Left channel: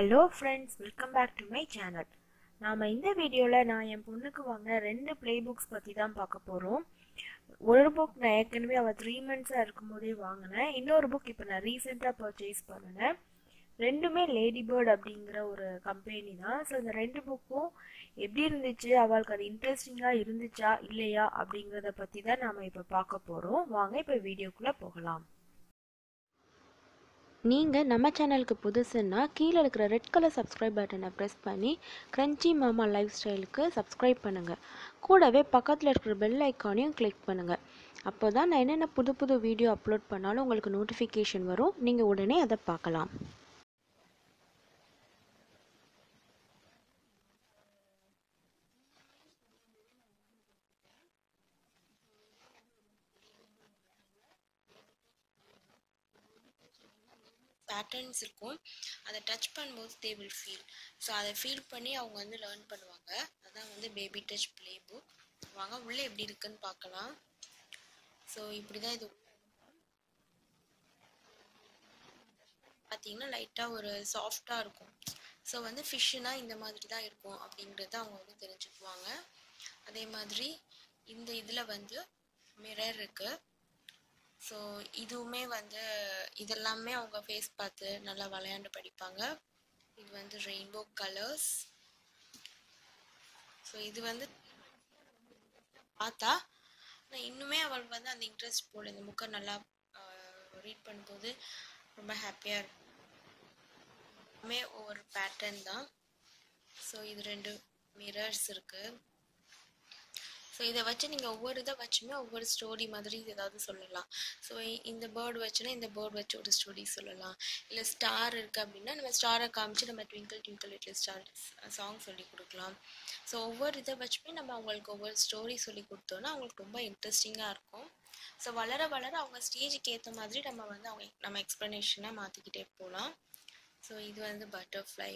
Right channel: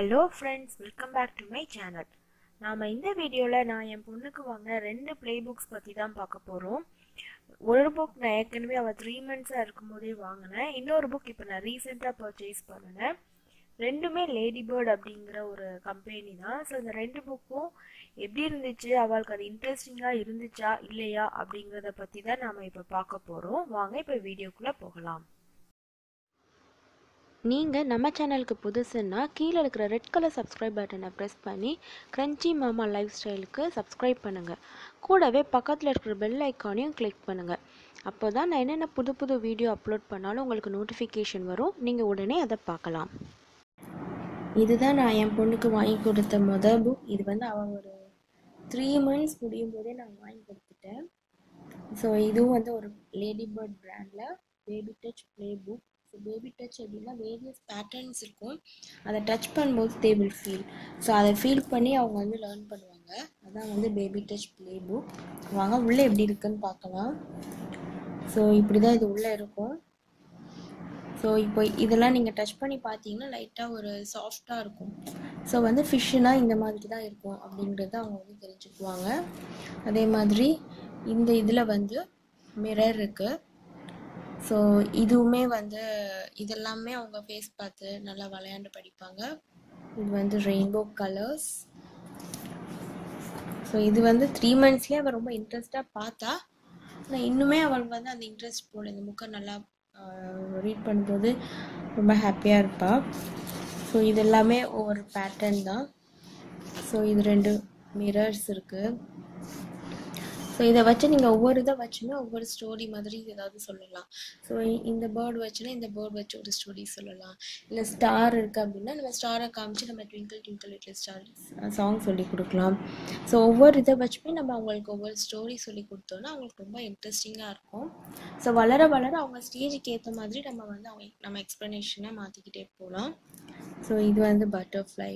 Hello friends, welcome back to my channel. நாம இந்த வீடியோல நான் என் பொண்ணுக்கு வாங்கின ரெண்டு ப்ளே புக்ஸ் பத்தி தான் பார்க்க போறோம். ஒரு புக் நான் ஏற்கனவே அவ 3 months இருக்கும்போதே வாங்கினேன். இன்னொரு புக் இப்போ நான் ரீசெண்டா பர்ச்சேஸ் பண்ணேன். ரெண்டுமே லேடிபர்ட் அப்படிங்கிற ஒரு கம்பெனி தான். ஸோ இந்த ரெண்டு புக்கும் எப்படி இருந்துச்சு, அவளுக்கு அது இன்ட்ரெஸ்டிங்கா இருந்துச்சா இல்லையா அப்படிங்கிறத பத்தி தான் நாம இப்போ பார்க்க போறோம். வாங்க இப்போ வீடியோக்குள்ள போகலாம். நீங்கள் நம்ம சேனலுக்கு புதுசுன்னா கீழே இருக்கிற ரெட் கலர் சப்ஸ்கிரைப் பட்டனை ப்ரெஸ் பண்ணி CrunchyMama Lifestyleக்கு சப்ஸ்கிரைப் பண்ணுங்கள். கூடவே பக்கத்தில் இருக்கிற பெல் ஐக்கானையும் கிளிக் பண்ணுங்கள். அப்போ தான் நான் என்னென்ன புது வீடியோ அப்லோட் பண்ணாலும் உங்களுக்கு நோட்டிஃபிகேஷன் வரும். நீங்கள் உடனே அதை பார்க்கலாம். இதுதான் நான் என் பொண்ணுக்கு வாங்கி கொடுத்த மொதல் புக். இது வந்து அவள் ஒரு 3 months முடியும் போதே நான் வாங்கி கொடுத்துட்டேன். ஸோ இதுவும் வந்து ஒரு லேடிபர்ட் பிராண்டில் Babytouch playbook. ஸோ Babytouch அப்படின்னா வேரியஸ் பேட்டர்ன்ஸ் இருக்கும். அதை டச் பண்ணும்போது தே வில் ஃபீல். ஸோ அதை ஃபீல் பண்ணி அவங்க வந்து லேர்ன் பண்ணுவாங்க. அதான் வந்து Babytouch playbook. வாங்க உள்ளே எப்படி இருக்குன்னு பார்க்கலாம். ஸோ இப்படி தான் இது உள்ளே இருக்கும். ஸோ இப்போ இதெல்லாம் நீங்கள் டச் பண்ணி பார்த்தீங்கன்னா லைட்டாக ஒரு சாஃப்டாக இருக்கும். ஸோ வந்து ஃபிஷ்ஷுனா இந்த மாதிரி தான் இருக்கும் அப்படிங்கிறத அவங்க வந்து தெரிஞ்சுக்குவாங்க. அதே மாதிரி இந்த இதில் வந்து மிரர் இருக்குது. ஸோ இதுவுமே வந்து இதெல்லாமே அவங்க ஃபேஸ் பார்த்து நல்லா விளையாண்டு படிப்பாங்க. இது வந்து ரெயின்போ கலர்ஸ். ஸோ இது வந்து 3 monthsலேயே அவள் ரொம்ப இன்ட்ரெஸ்டாக பார்த்தா. ஆனால் இன்னுமே அவளுக்கு வந்து அந்த இன்ட்ரெஸ்ட் போல இந்த புக்கை நல்லா ரீட் பண்ணும்போது ரொம்ப ஹாப்பியாக இருப்பாள். ஸோ இது எல்லாமே ஒவ்வொரு பேட்டர்ன் தான். ஸோ இது 2 மிரர்ஸ் இருக்குது. ஸோ இதை வச்சு நீங்கள் ஒவ்வொரு இதை வச்சுமே ஒவ்வொரு ஸ்டோரி மாதிரி ஏதாவது சொல்லலாம். ஸோ இந்த பேர்ட் வச்சுன்னா இந்த பேர்ட் வச்சு ஒரு ஸ்டோரி சொல்லலாம். இல்லை ஸ்டார் இருக்குது அப்படின்னா நம்ம ஸ்டாரை காமிச்சு நம்ம twinkle twinkle little star song சொல்லி கொடுக்கலாம். ஸோ ஒவ்வொரு இதை வச்சுமே நம்ம அவங்களுக்கு ஒவ்வொரு ஸ்டோரி சொல்லி கொடுத்தோன்னா அவங்களுக்கு ரொம்ப இன்ட்ரெஸ்டிங்காக இருக்கும். ஸோ வளர வளர அவங்க ஸ்டேஜுக்கு ஏற்ற மாதிரி நம்ம வந்து நம்ம எக்ஸ்ப்ளனேஷனை மாற்றிக்கிட்டே போகலாம். ஸோ இது வந்து பட்டர்ஃப்ளை.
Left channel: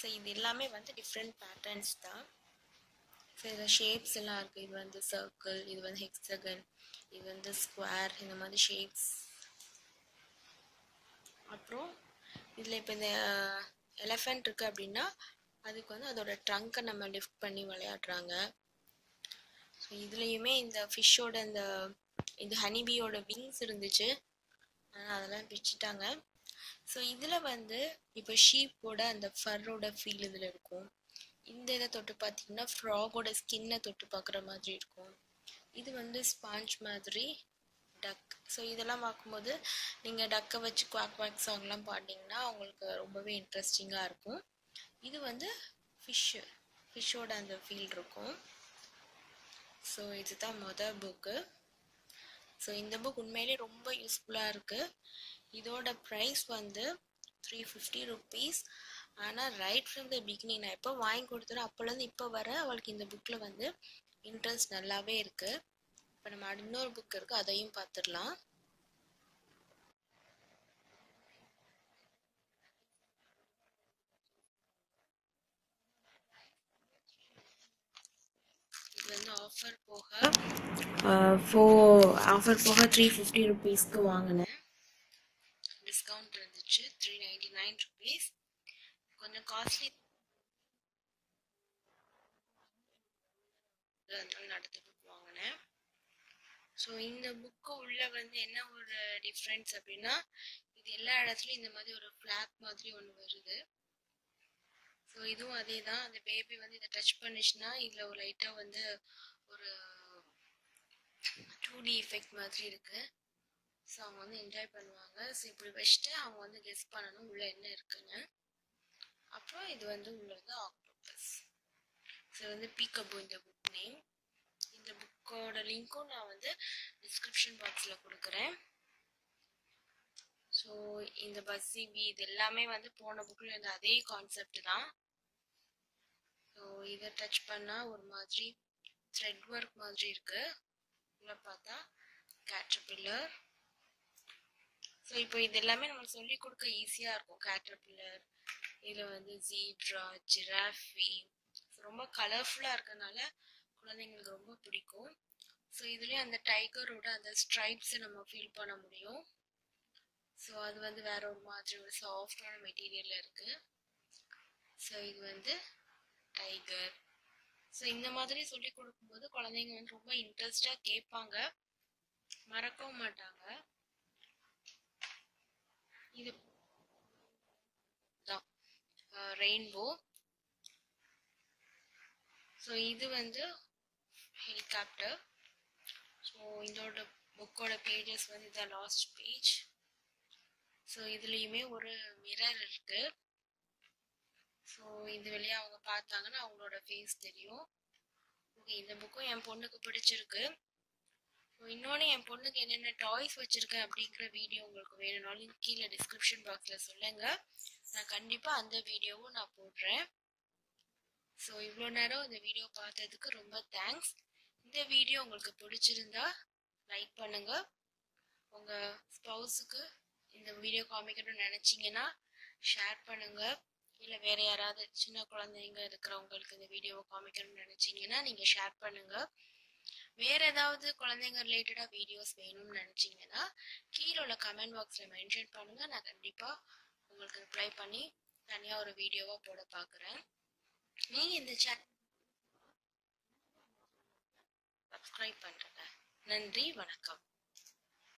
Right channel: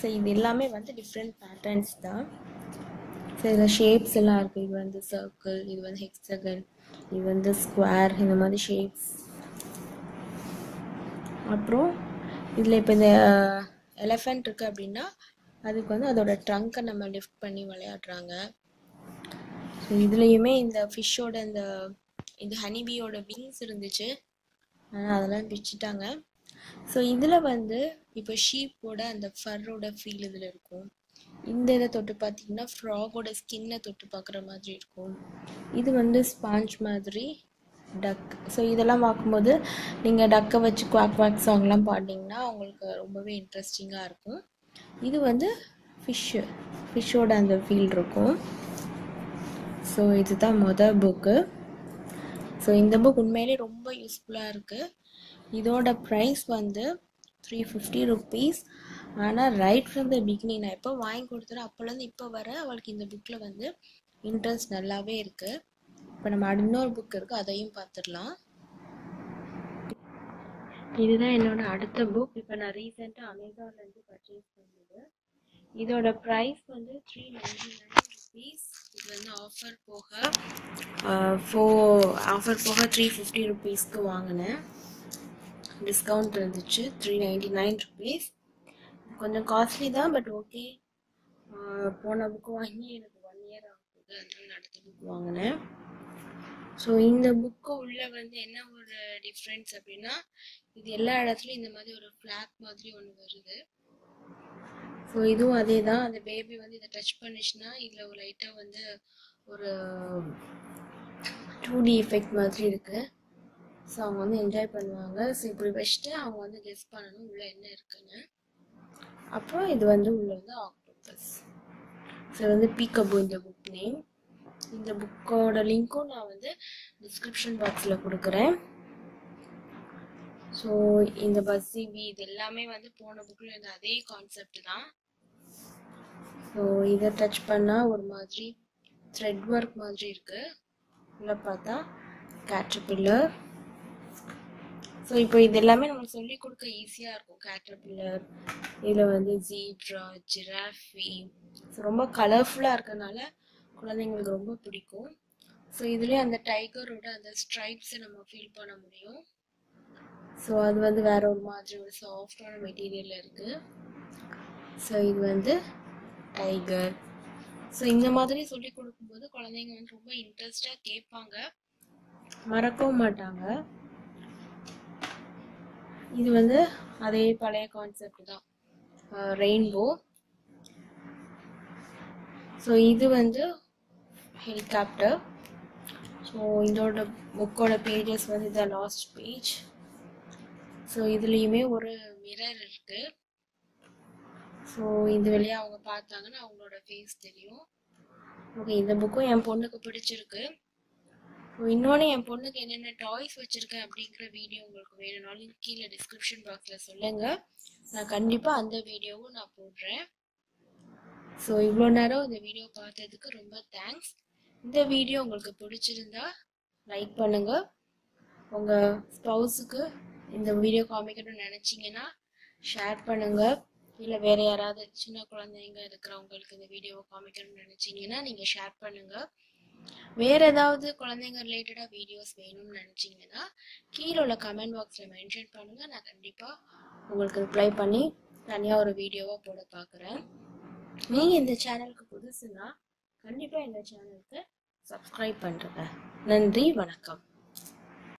ஸோ இது எல்லாமே வந்து டிஃப்ரெண்ட் பேட்டர்ன்ஸ் தான். ஸோ இதில் ஷேப்ஸ் எல்லாம் இருக்குது. இது வந்து சர்க்கிள், இது வந்து ஹெக்ஸகன், இது வந்து ஸ்கொயர், இந்த மாதிரி ஷேப்ஸ். அப்புறம் இதில் இப்போ இந்த எலஃபெண்ட் இருக்குது அப்படின்னா அதுக்கு வந்து அதோட ட்ரங்கை நம்ம லிஃப்ட் பண்ணி விளையாடுறாங்க. ஸோ இதுலேயுமே இந்த ஃபிஷ்ஷோட இந்த ஹனிபியோட விங்ஸ் இருந்துச்சு, ஆனால் அதெல்லாம் பிச்சுட்டாங்க. ஸோ இதில் வந்து இப்போ ஷீப்போட அந்த ஃபர்ரோட ஃபீல் இதில் இருக்கும். இந்த இதை தொட்டு பார்த்தீங்கன்னா ஃப்ராகோட ஸ்கின்னை தொட்டு பார்க்குற மாதிரி இருக்கும். இது வந்து ஸ்பாஞ்ச் மாதிரி டக். ஸோ இதெல்லாம் பார்க்கும்போது நீங்கள் டக்கை வச்சு குவாக் குவாக் சாங்லாம் பாடினீங்கன்னா அவங்களுக்கு ரொம்பவே இன்ட்ரெஸ்டிங்காக இருக்கும். இது வந்து ஃபிஷ்ஷோட அந்த ஃபீல் இருக்கும். ஸோ இதுதான் மொதல் புக்கு. ஸோ இந்த புக் உண்மையிலே ரொம்ப யூஸ்ஃபுல்லாக இருக்குது. இதோட ப்ரைஸ் வந்து 350 rupees. ஆனால் ரைட் ஃப்ரம் த பிகினிங் நான் எப்போ வாங்கி கொடுத்துறேன் அப்போலேருந்து இப்போ வர அவளுக்கு இந்த புக்கில் வந்து இன்ட்ரெஸ்ட் நல்லாவே இருக்குது. இப்போ நம்ம இன்னொரு புக் இருக்குது, அதையும் பார்த்துடலாம். இதுதான் என்னோட அடுத்த புக். இப்போ நான் ரீசெண்டாக அமேசான்லேருந்து பர்ச்சேஸ் பண்ணது. இதோட ப்ரைஸ் வந்து 399 rupees. இது வந்து ஆஃபர் போக 350 rupeesக்கு வாங்கினேன். டிஸ்கவுண்ட் இருந்துச்சு 399 rupees. கொஞ்சம் காஸ்ட்லி தான், பட் ஓகே. போன புக்கு வாங்கி எனக்கு 1 year ஆகுது, அதனால நான் அடுத்த புக் வாங்கினேன். ஸோ இந்த புக்கு உள்ள வந்து என்ன ஒரு டிஃப்ரென்ஸ் அப்படின்னா இது எல்லா இடத்துலையும் இந்த மாதிரி ஒரு ஃப்ளாக் மாதிரி ஒன்று வருது. ஸோ இதுவும் அதே தான். அந்த பேபி வந்து இதை டச் பண்ணிச்சுன்னா இதில் ஒரு லைட்டாக வந்து ஒரு 2D எஃபெக்ட் மாதிரி இருக்குது. ஸோ அவங்க வந்து என்ஜாய் பண்ணுவாங்க. ஸோ இப்படி வச்சுட்டு அவங்க வந்து கெஸ் பண்ணணும் உள்ளே என்ன இருக்குன்னு. அப்புறம் இது வந்து உள்ள வந்து ஆக்டோபஸ். ஸோ வந்து பீக்கபூ இந்த புக் நேம். இந்த புக்கோட லிங்க்கும் நான் வந்து டிஸ்கிரிப்ஷன் பாக்ஸில் கொடுக்குறேன். ஸோ இந்த பஸ்ஸிபி இது எல்லாமே வந்து போன புக்கில் இருந்த அதே கான்செப்ட் தான். ஸோ இதை டச் பண்ணால் ஒரு மாதிரி த்ரெட் ஒர்க் மாதிரி இருக்குது. உள்ள பார்த்தா கேட்டர்பில்லர். ஸோ இப்போ இது எல்லாமே நம்ம சொல்லி கொடுக்க ஈஸியாக இருக்கும். கேட்டர்பில்லர், இதில் வந்து ஜீப்ரா, ஜிராஃபி. ஸோ ரொம்ப கலர்ஃபுல்லாக இருக்கனால குழந்தைங்களுக்கு ரொம்ப பிடிக்கும். ஸோ இதுலேயே அந்த டைகரோட அந்த ஸ்ட்ரைப்ஸை நம்ம ஃபீல் பண்ண முடியும். ஸோ அது வந்து வேற ஒரு மாதிரி ஒரு சாஃப்டான மெட்டீரியலில் இருக்குது. ஸோ இது வந்து டைகர். ஸோ இந்த மாதிரி சொல்லி கொடுக்கும்போது குழந்தைங்க வந்து ரொம்ப இன்ட்ரெஸ்டாக கேட்பாங்க, மறக்கவும் மாட்டாங்க. இது வந்து அதே பழைய கான்செப்ட் தான், ரெயின்போ. ஸோ இது வந்து ஹெலிகாப்டர். ஸோ இதோட புக்கோட பேஜஸ் வந்து இதான் லாஸ்ட் பேஜ். ஸோ இதுலேயுமே ஒரு மிரர் இருக்கு. ஸோ இது வழியாக அவங்க பார்த்தாங்கன்னா அவங்களோட ஃபேஸ் தெரியும். ஓகே, இந்த புக்கும் என் பொண்ணுக்கு பிடிச்சிருக்கு. ஸோ இன்னொன்று என் பொண்ணுக்கு என்னென்ன டாய்ஸ் வச்சுருக்கேன் அப்படிங்கிற வீடியோ உங்களுக்கு வேணும்னாலும் கீழே டிஸ்கிரிப்ஷன் பாக்ஸில் சொல்லுங்கள், நான் கண்டிப்பாக அந்த வீடியோவும் நான் போடுறேன். ஸோ இவ்வளோ நேரம் இந்த வீடியோ பார்த்ததுக்கு ரொம்ப தேங்க்ஸ். இந்த வீடியோ உங்களுக்கு பிடிச்சிருந்தா லைக் பண்ணுங்கள். உங்கள் ஸ்பவுஸுக்கு இந்த வீடியோ காமிக்கணும்னு நினச்சிங்கன்னா ஷேர் பண்ணுங்கள். இல்லை வேறு யாராவது சின்ன குழந்தைங்க இருக்கிறவங்களுக்கு இந்த வீடியோவை காமிக்கணும்னு நினச்சிங்கன்னா நீங்கள் ஷேர் பண்ணுங்கள். வேறு ஏதாவது குழந்தைங்க ரிலேட்டடாக வீடியோஸ் வேணும்னு நினச்சிங்கன்னா கீழே உள்ள கமெண்ட் பாக்ஸில் மென்ஷன் பண்ணுங்கள். நான் கண்டிப்பாக உங்களுக்கு ரிப்ளை பண்ணி தனியாக ஒரு வீடியோவாக போட பார்க்குறேன். நீங்கள் இந்த சேனலுக்கு புதுசுன்னா கண்டிப்பாக இந்த சேனலுக்கு சப்ஸ்கிரைப் பண்ணுறேங்க. நன்றி, வணக்கம்.